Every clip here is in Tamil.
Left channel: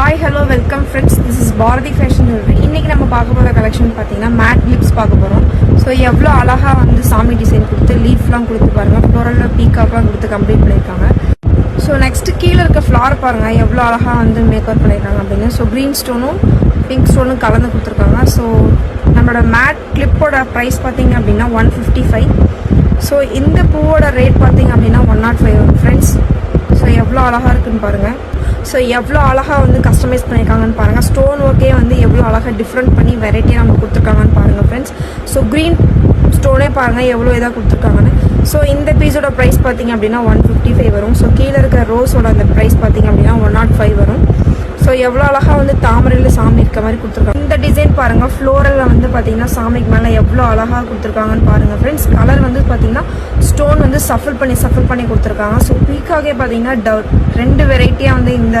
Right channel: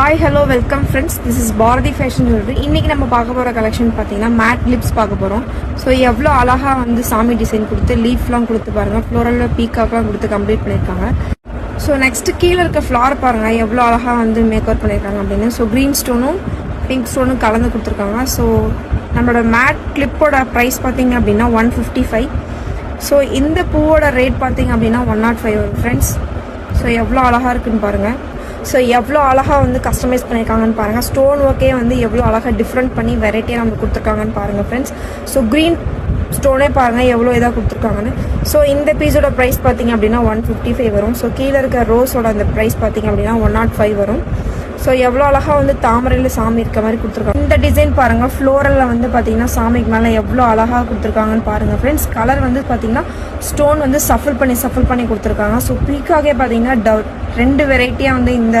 Hi, hello, welcome friends. This is Bharati Fashion Jewelry. இன்னைக்கு நம்ம பார்க்க போற கலெக்ஷன் பாத்தீங்கன்னா மேட் லிப்ஸ் பார்க்க போறோம். ஸோ எவ்வளோ அழகா வந்து சாமி டிசைன் கொடுத்து லீஃப்லாம் கொடுத்து பாருங்க, ஃப்ளோரல்ல பீகாக்லாம் கொடுத்து கம்ப்ளீட் பண்ணியிருக்காங்க. ஸோ நெக்ஸ்ட் கீழே இருக்க ஃப்ளார் பாருங்க எவ்வளோ அழகா வந்து மேக் ஓவர் பண்ணியிருக்காங்க அப்படின்னு. ஸோ கிரீன் ஸ்டோனும் பிங்க் ஸ்டோனும் கலந்து கொடுத்துருக்காங்க. ஸோ நம்மளோட மேட் கிளிப்போட ப்ரைஸ் பார்த்தீங்க அப்படின்னா 155. ஸோ இந்த பூவோட ரேட் பார்த்தீங்க அப்படின்னா 105 வரும் ஃப்ரெண்ட்ஸ். ஸோ எவ்வளோ அழகா இருக்குன்னு பாருங்க. ஸோ எவ்வளோ அழகாக வந்து கஸ்டமைஸ் பண்ணியிருக்காங்கன்னு பாருங்கள். ஸ்டோன் ஒர்க்கே வந்து எவ்வளோ அழகாக டிஃப்ரெண்ட் பண்ணி வெரைட்டியாக நம்ம கொடுத்துருக்காங்கன்னு பாருங்கள் ஃப்ரெண்ட்ஸ். ஸோ க்ரீன் ஸ்டோனே பாருங்கள் எவ்வளோ இதாக கொடுத்துருக்காங்கன்னு. ஸோ இந்த பீஸோட ப்ரைஸ் பார்த்தீங்க அப்படின்னா 155 வரும். ஸோ கீழே இருக்க ரோஸோட அந்த ப்ரைஸ் பார்த்தீங்க அப்படின்னா 105 வரும். ஸோ எவ்வளோ அழகாக வந்து தாமரையில் சாமி இருக்க மாதிரி கொடுத்துருக்காங்க. இந்த டிசைன் பாருங்கள், ஃப்ளோரலில் வந்து பார்த்தீங்கன்னா சாமிக்கு மேலே எவ்வளோ அழகாக கொடுத்துருக்காங்கன்னு பாருங்கள் ஃப்ரெண்ட்ஸ். கலர் வந்து பார்த்தீங்கன்னா ஸ்டோன் வந்து சஃபில் பண்ணி கொடுத்துருக்காங்க. ஸோ பீக்காகவே பார்த்தீங்கன்னா ரெண்டு வெரைட்டியாக வந்து இந்த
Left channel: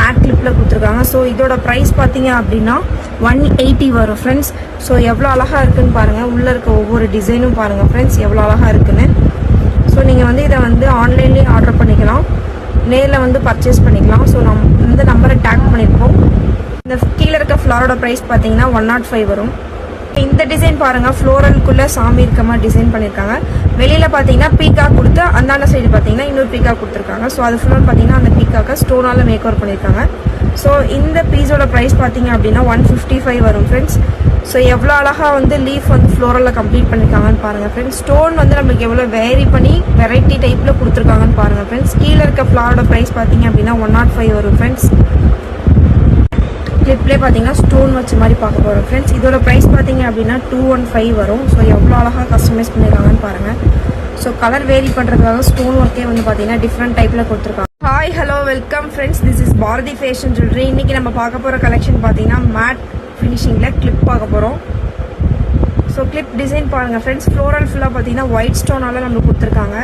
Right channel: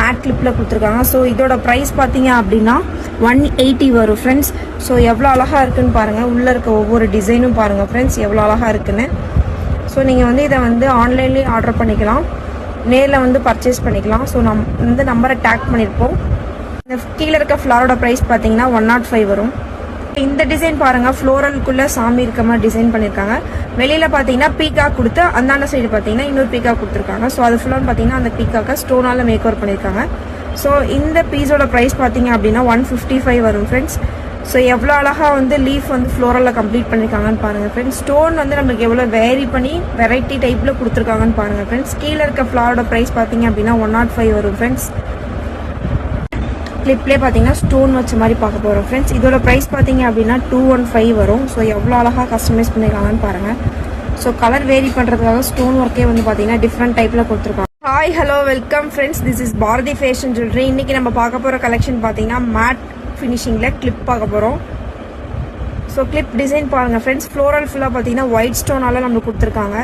மேட் கிளிப்பில் கொடுத்துருக்காங்க. ஸோ இதோட ப்ரைஸ் பார்த்தீங்க அப்படின்னா 180 வரும் ஃப்ரெண்ட்ஸ். ஸோ எவ்வளோ அழகாக இருக்குன்னு பாருங்கள். உள்ளே இருக்க ஒவ்வொரு டிசைனும் பாருங்கள் ஃப்ரெண்ட்ஸ் எவ்வளோ அழகாக இருக்குன்னு. ஸோ நீங்கள் வந்து இதை வந்து ஆன்லைன்லேயே ஆர்டர் பண்ணிக்கலாம், நேரில் வந்து பர்ச்சேஸ் பண்ணிக்கலாம். ஸோ இந்த நம்பரை டேக் பண்ணியிருப்போம். இந்த கீழே இருக்க ஃப்ளாரோட ப்ரைஸ் பார்த்தீங்கன்னா 105 வரும். இந்த டிசைன் பாருங்க, ஃப்ளோரலுக்குள்ள சாமி இருக்க மாதிரி டிசைன் பண்ணியிருக்காங்க. வெளியில பார்த்தீங்கன்னா பீகாக் கொடுத்து அந்தாண்ட சைடு பார்த்தீங்கன்னா இன்னொரு பீகாக் கொடுத்துருக்காங்க. ஸோ அது ஃபுல்லாக பார்த்தீங்கன்னா அந்த பீக்காக்க ஸ்டோனால மேக் ஓவர் பண்ணியிருக்காங்க. ஸோ இந்த பீஸோட ப்ரைஸ் பார்த்தீங்க அப்படின்னா 155 வரும் ஃப்ரெண்ட்ஸ். ஸோ எவ்வளோ அழகாக வந்து லீஃப் வந்து ஃப்ளோரலில் கம்ப்ளீட் பண்ணியிருக்காங்கன்னு பாருங்கள் ஃப்ரெண்ட்ஸ். ஸ்டோன் வந்து நம்மளுக்கு எவ்வளோ வேரி பண்ணி வெரைட்டி டைப்பில் கொடுத்துருக்காங்கன்னு பாருங்கள் ஃப்ரெண்ட்ஸ். கீழே இருக்க ஃப்ளாரோட ப்ரைஸ் பார்த்தீங்க அப்படின்னா 105 வரும் ஃப்ரெண்ட்ஸ். கிளிப்லேயே பார்த்தீங்கன்னா ஸ்டோன் வச்ச மாதிரி பார்க்க போகிறோம் ஃப்ரெண்ட்ஸ். இதோட ப்ரைஸ் பார்த்தீங்க அப்படின்னா 215 வரும். ஸோ எவ்வளோ அழகாக கஸ்டமைஸ் பண்ணியிருக்காங்கன்னு பாருங்கள். ஸோ கலர் வேரி பண்ணுறதுக்காக ஸ்டோன் ஒர்க்கே வந்து பார்த்தீங்கன்னா டிஃப்ரெண்ட் டைப்பில் கொடுத்துருக்காங்க. Hi, hello, welcome friends. This is Bharathi fashion jewellery. இன்னைக்கு நம்ம பார்க்க போகிற கலெக்ஷன் பார்த்தீங்கன்னா மேட் ஃபினிஷிங்கில் கிளிப் பார்க்க போகிறோம். ஸோ கிளிப் டிசைன் பாருங்கள் ஃப்ரெண்ட்ஸ். ஃப்ளோரல் ஃபுல்லாக பார்த்தீங்கன்னா ஒயிட் ஸ்டோனால நம்மளுக்கு கொடுத்துருக்காங்க.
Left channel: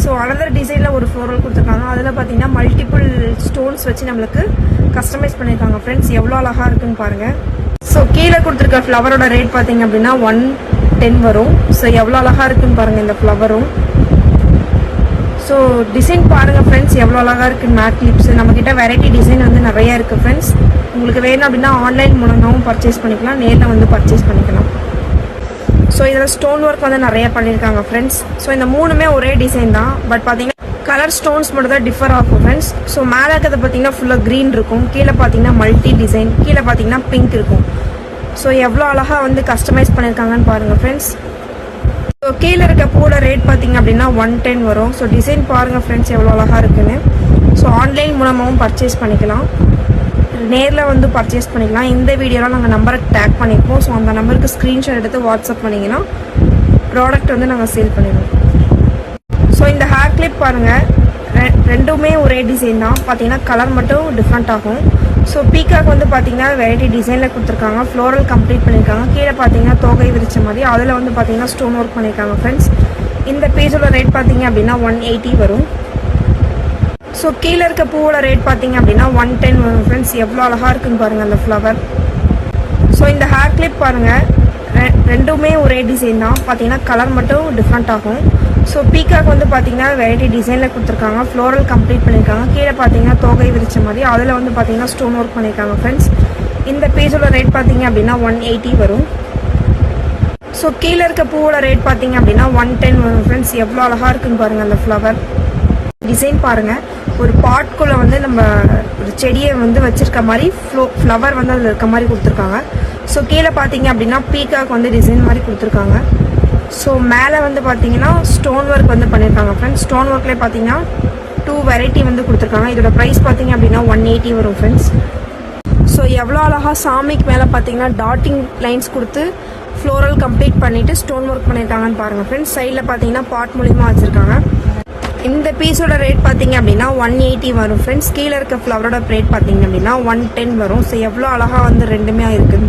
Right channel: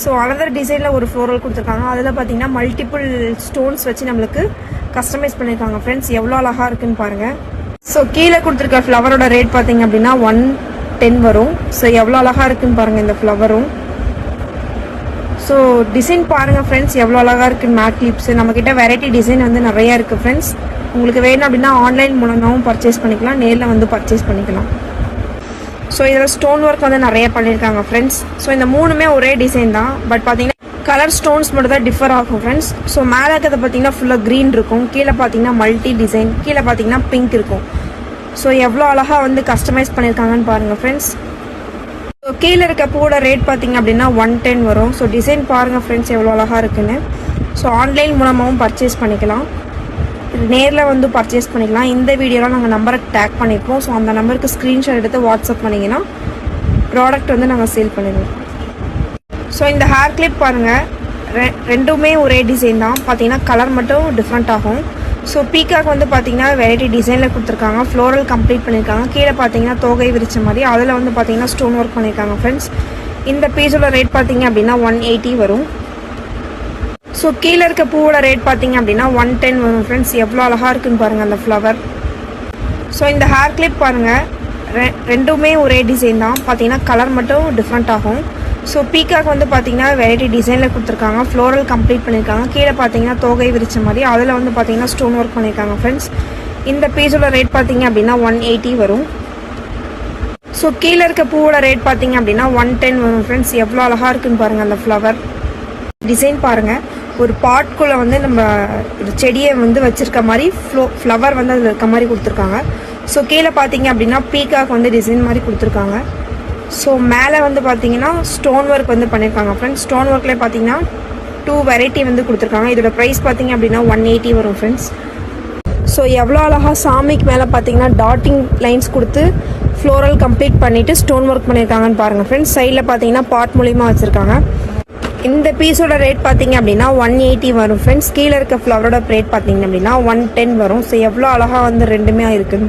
ஸோ அனதர் டிசைனில் ஒரு ஃப்ளோரல் கொடுத்துருக்காங்க. அதில் பார்த்தீங்கன்னா மல்டிபிள் ஸ்டோன்ஸ் வச்சு நம்மளுக்கு கஸ்டமைஸ் பண்ணியிருக்காங்க ஃப்ரெண்ட்ஸ். எவ்வளோ அழகாக இருக்குன்னு பாருங்கள். ஸோ கீழே கொடுத்துருக்க ஃப்ளவரோட ரேட் பார்த்தீங்க அப்படின்னா 110 வரும். ஸோ எவ்வளோ அழகாக இருக்குன்னு பாருங்கள் இந்த ஃப்ளவரும். ஸோ டிசைன் பாருங்கள் ஃப்ரெண்ட்ஸ் எவ்வளோ அழகாக இருக்குன்னு. மேட் கிளிப்ஸ் நம்மக்கிட்ட வெரைட்டி டிசைன் வந்து நிறையா இருக்குது ஃப்ரெண்ட்ஸ். உங்களுக்கு வேணும் அப்படின்னா ஆன்லைன் மூலமாகவும் பர்ச்சேஸ் பண்ணிக்கலாம், நேரில் வந்து பர்ச்சேஸ் பண்ணிக்கலாம். ஸோ இதில் ஸ்டோன் ஒர்க் வந்து நிறைய பண்ணியிருக்காங்க ஃப்ரெண்ட்ஸ். ஸோ இந்த மூணுமே ஒரே டிசைன் தான், பட் பார்த்தீங்கன்னா கலர் ஸ்டோன்ஸ் மட்டும் தான் டிஃபர் ஆகும் ஃப்ரெண்ட்ஸ். ஸோ மேலே இருக்கிறத பார்த்தீங்கன்னா ஃபுல்லாக க்ரீன் இருக்கும், கீழே பார்த்தீங்கன்னா மல்டி டிசைன், கீழே பார்த்தீங்கன்னா பிங்க் இருக்கும். ஸோ எவ்வளோ அழகாக வந்து கஸ்டமைஸ் பண்ணியிருக்காங்கன்னு பாருங்கள் ஃப்ரெண்ட்ஸ். ஸோ கீழே இருக்க பூவோட ரேட் பார்த்தீங்க அப்படின்னா 110 வரும். ஸோ டிசைன் பாருங்கள் ஃப்ரெண்ட்ஸ் எவ்வளோ அழகாக இருக்குன்னு. ஸோ ஆன்லைன் மூலமாகவும் பர்ச்சேஸ் பண்ணிக்கலாம், நேரில் வந்து பர்ச்சேஸ் பண்ணிக்கலாம். இந்த வீடியோலாம் நாங்கள் நம்பருக்கு டேக் பண்ணியிருப்போம். ஸோ அந்த நம்பருக்கு ஸ்க்ரீன்ஷாட் எடுத்து வாட்ஸ்அப் பண்ணிங்கன்னா ப்ராடக்ட் வந்து நாங்கள் சேல் பண்ணிடுவோம். ஸோ இந்த ஹேர் கிளிப் பாருங்கள், ரெண்டுமே ஒரே டிசைன் தான், பார்த்தீங்கன்னா கலர் மட்டும் டிஃப்ரெண்ட் ஆகும். ஸோ பீக்காக் வந்து பார்த்தீங்கன்னா வெரைட்டி டிசைனில் கொடுத்துருக்காங்க, ஃப்ளோரல் கம்ப்ளீட் பண்ணியிருக்காங்க. கீழே பார்த்தீங்கன்னா தோகை விரிச்ச மாதிரி அதில் வந்து பார்த்தீங்கன்னா ஸ்டோன் ஒர்க் பண்ணியிருக்காங்க ஃப்ரெண்ட்ஸ். இந்த பீஸோட ரேட் பார்த்தீங்க அப்படின்னா 180 வரும். ஸோ கீழே இருக்க பூவோட ரேட் பார்த்தீங்க அப்படின்னா 110 வரும் ஃப்ரெண்ட்ஸ். எவ்வளோ அழகாக இருக்குன்னு பாருங்கள் அந்த ஃப்ளவர். ஸோ இந்த ஹேர் கிளிப் பாருங்கள், ரெண்டுமே ஒரே டிசைன் தான், பார்த்தீங்கன்னா கலர் மட்டும் டிஃப்ரெண்ட் ஆகும். ஸோ பீக்காக் வந்து பார்த்தீங்கன்னா வெரைட்டி டிசைனில் கொடுத்துருக்காங்க, ஃப்ளோரல் கம்ப்ளீட் பண்ணியிருக்காங்க. கீழே பார்த்தீங்கன்னா தோகை விரிச்ச மாதிரி அதில் வந்து பார்த்தீங்கன்னா ஸ்டோன் ஒர்க் பண்ணியிருக்காங்க ஃப்ரெண்ட்ஸ். இந்த பீஸோட ரேட் பார்த்தீங்க அப்படின்னா 180 வரும். ஸோ கீழே இருக்க பூவோட ரேட் பார்த்தீங்க அப்படின்னா 110 வரும் ஃப்ரெண்ட்ஸ். எவ்வளோ அழகாக இருக்குன்னு பாருங்கள் அந்த ஃப்ளவர் டிசைன் பாருங்கள். ஒரு பாட்குள்ளே வந்து நம்ம ஒரு செடியை வந்து வச்சிருக்க மாதிரி ஃப்ளவர் வந்து அதில் இருக்க மாதிரி கொடுத்துருக்காங்க. ஸோ கீழே பார்த்தீங்க அப்படின்னா பீக்காக் வந்து டிசைன் மாதிரி கொடுத்துருக்காங்க. ஸோ மேலே வந்து பார்த்தீங்கன்னா ஸ்டோன் ஒர்க் வந்து பண்ணியிருக்காங்க ஃப்ரெண்ட்ஸ். ஸ்டோன் ஒர்க்லேயே பார்த்தீங்கன்னா 2 வெரைட்டி வந்து கொடுத்துருக்காங்க. இதோட ப்ரைஸ் பார்த்தீங்க அப்படின்னா 180 வரும் ஃப்ரெண்ட்ஸ். ஸோ எவ்வளோ அழகாக சாமிக்கு மேலே பார்த்தீங்கன்னா டாட்டிங் லைன்ஸ் கொடுத்து ஃப்ளோரல் கம்ப்ளீட் பண்ணிவிட்டு ஸ்டோன் ஒர்க் பண்ணியிருக்காங்கன்னு பாருங்கள் ஃப்ரெண்ட்ஸ். சைடில் பார்த்தீங்கன்னா பாட் மூலியமாக வச்சுருக்காங்க. இந்த பீஸோட ரேட் பார்த்தீங்க அப்படின்னா 180 வரும் ஃப்ரெண்ட்ஸ். கீழே இருக்க ஃப்ளவரோட ரேட் பார்த்தீங்க அப்படின்னா 110 வரும். ஸோ எவ்வளோ அழகாக வந்து ரெண்டுமே இருக்குது.